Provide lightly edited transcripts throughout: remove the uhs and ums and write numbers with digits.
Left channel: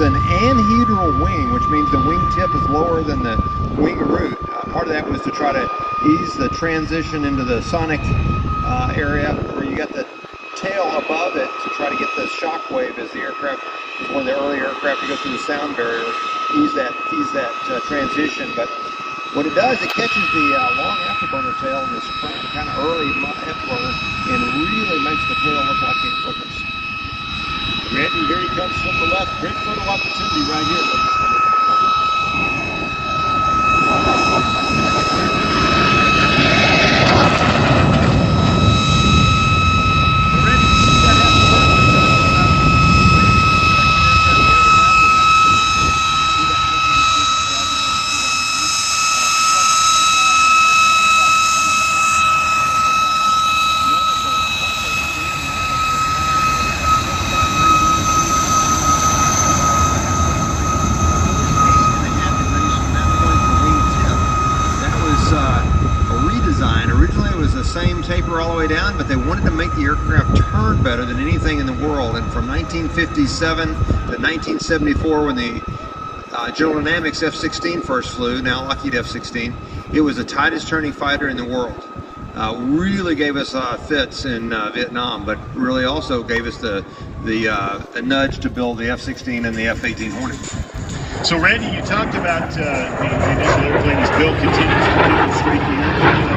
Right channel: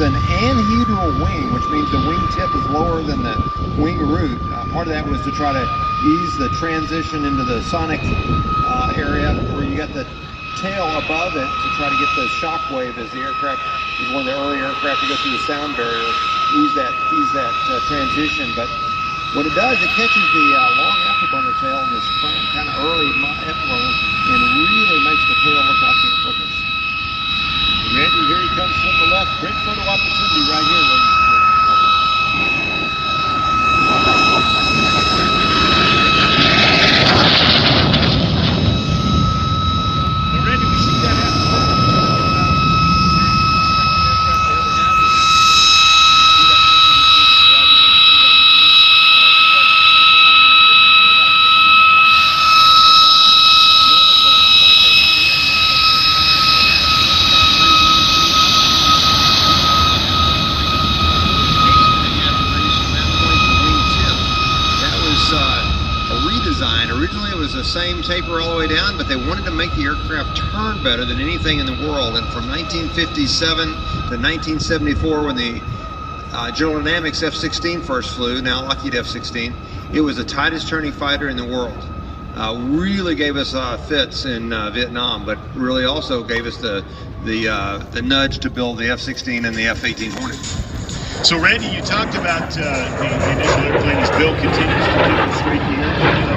uses an anhedral wing, which means the wing tip is lower than the wing root. Part of that was to try to ease the transition into the sonic area where you got the tail above it to try to get the shock wave as the aircraft is one of the early aircraft to go through the sound barrier, ease that transition. But what it does, it catches the long afterburner tail in this kind of early afterburner and really makes the tail look like it's quickest. Randy, here he comes from the left. Great photo opportunity right here, ladies. Originally it was the same taper all the way down, but they wanted to make the aircraft turn better than anything in the world. And from 1957 to 1974, when the General Dynamics F-16 first flew, now Lockheed F-16, it was the tightest turning fighter in the world. Really gave us fits in Vietnam, but really also gave us the nudge to build the F-16 and the F-18 Hornet. So Randy, you talked about the initial airplane as Bill continues to demonstrate the airplane.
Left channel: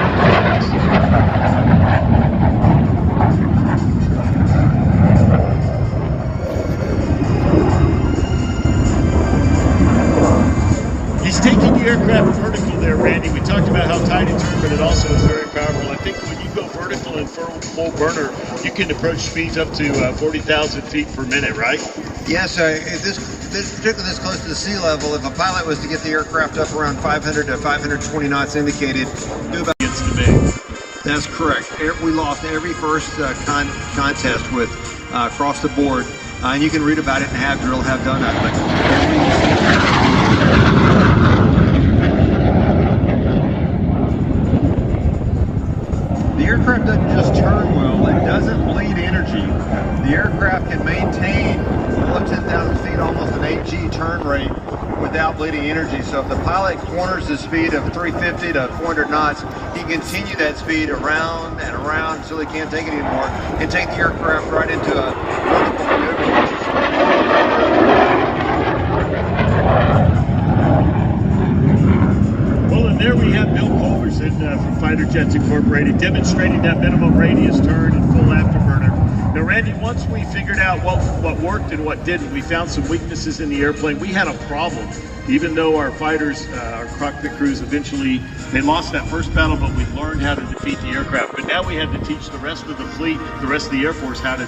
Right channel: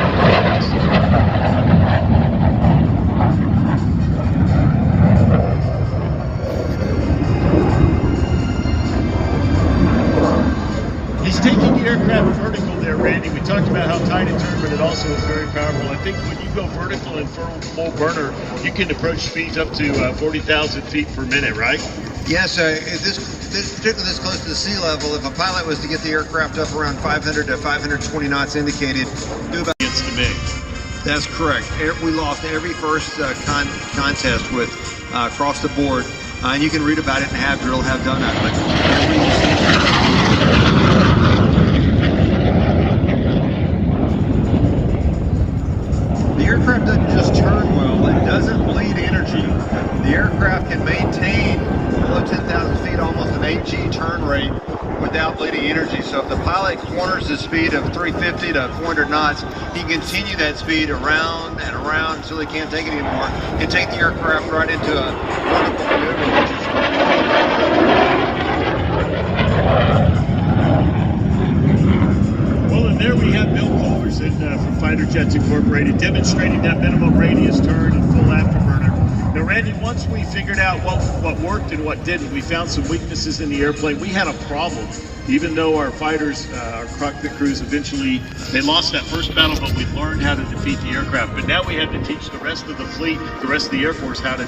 He's taking the aircraft vertical there, Randy. We talked about how tight it is, but it also is very powerful. I think when you go vertical and full burner, you can approach speeds up to 40,000 feet per minute, right? Yes, particularly this close to the sea level, if a pilot was to get the aircraft up around 500 to 520 knots indicated, do about It's the big. That's correct. We lost every first contest with across the board, and you can read about it in Have Drill, Have Done. The aircraft doesn't just turn well, it doesn't bleed energy. The aircraft can maintain below 10,000 feet almost an 8G turn rate without bleeding energy. So if the pilot corners the speed of 350 to 400 knots, he can continue that speed around and around until he can't take it anymore and take the aircraft right into a vertical maneuver, which is Well, and there we have Bill Culverson from Fighter Jets Incorporated demonstrating that minimum radius turn and full afterburner. Now, Randy, once we figured out what worked and what didn't, we found some weaknesses in the airplane. We had a problem, even though our fighters, our cockpit crews, eventually, they lost that first battle, but we learned how to defeat the aircraft. But now we had to teach the rest of the fleet, the rest of the Air Force, how to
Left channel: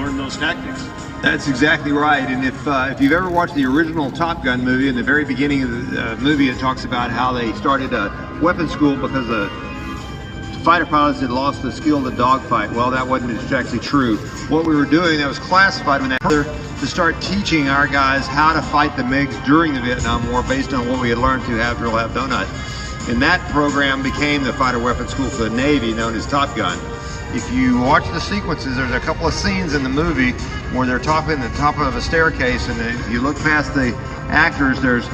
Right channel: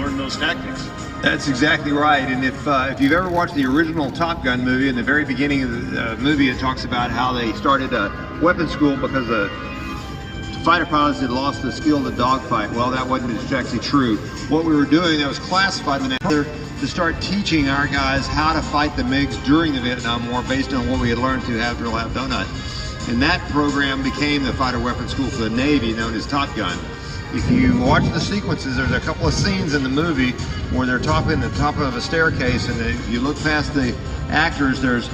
learn those tactics. That's exactly right. And if you've ever watched the original Top Gun movie, in the very beginning of the movie, it talks about how they started a weapons school because the fighter pilots had lost the skill to dogfight. Well, that wasn't exactly true. What we were doing, that was classified in that to start teaching our guys how to fight the MiGs during the Vietnam War based on what we had learned through Have Drill, Have Donut. And that program became the fighter weapons school for the Navy, known as Top Gun. If you watch the sequences, there's a couple of scenes in the movie where they're in the top of a staircase, and if you look past the actors, there's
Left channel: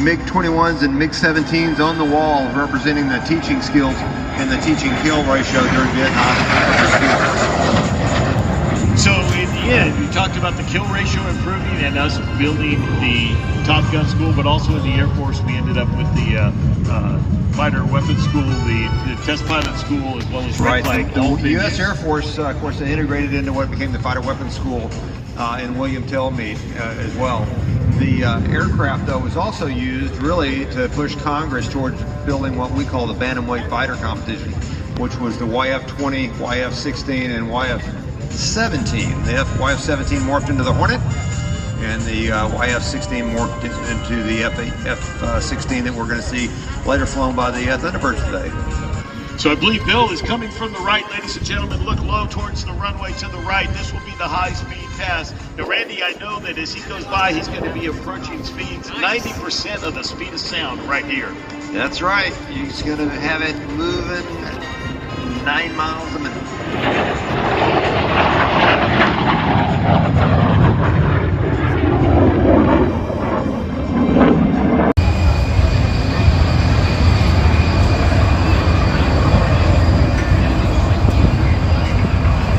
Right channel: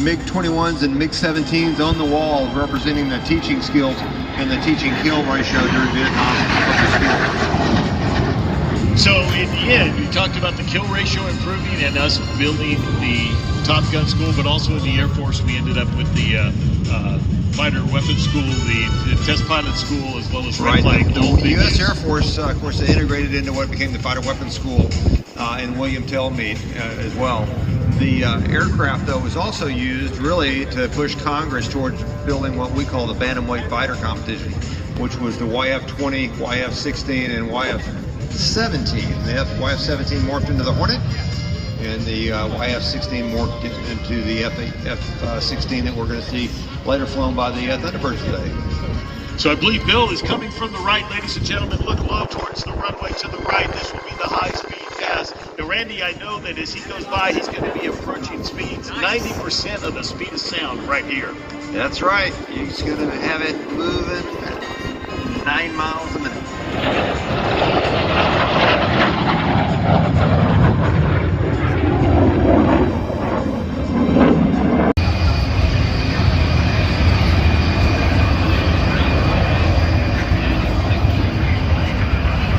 MiG-21s and MiG-17s on the wall representing the teaching skills and the teaching kill ratio during Vietnam. So in the end, we talked about the kill ratio improving and us building the Top Gun school, but also in the Air Force, we ended up with the fighter weapons school, the test pilot school, as well as right. The U.S. Air Force, of course, they integrated into what became the fighter weapons school in William Tellmead as well. The aircraft, though, was also used really to push Congress towards building what we call the bantamweight fighter competition, which was the YF-20, YF-16, and YF-17. The YF-17 morphed into the Hornet, and the YF-16 morphed into the F-16 that we're going to see later flown by the Thunderbirds today. So I believe Bill is coming from the right, ladies and gentlemen. Look low towards the runway to the right. This will be the high-speed pass. Now, Randy, I know that as he goes by, he's going to be approaching speeds 90% of the speed of sound right here. That's right. He's going to have it moving 9 miles a minute.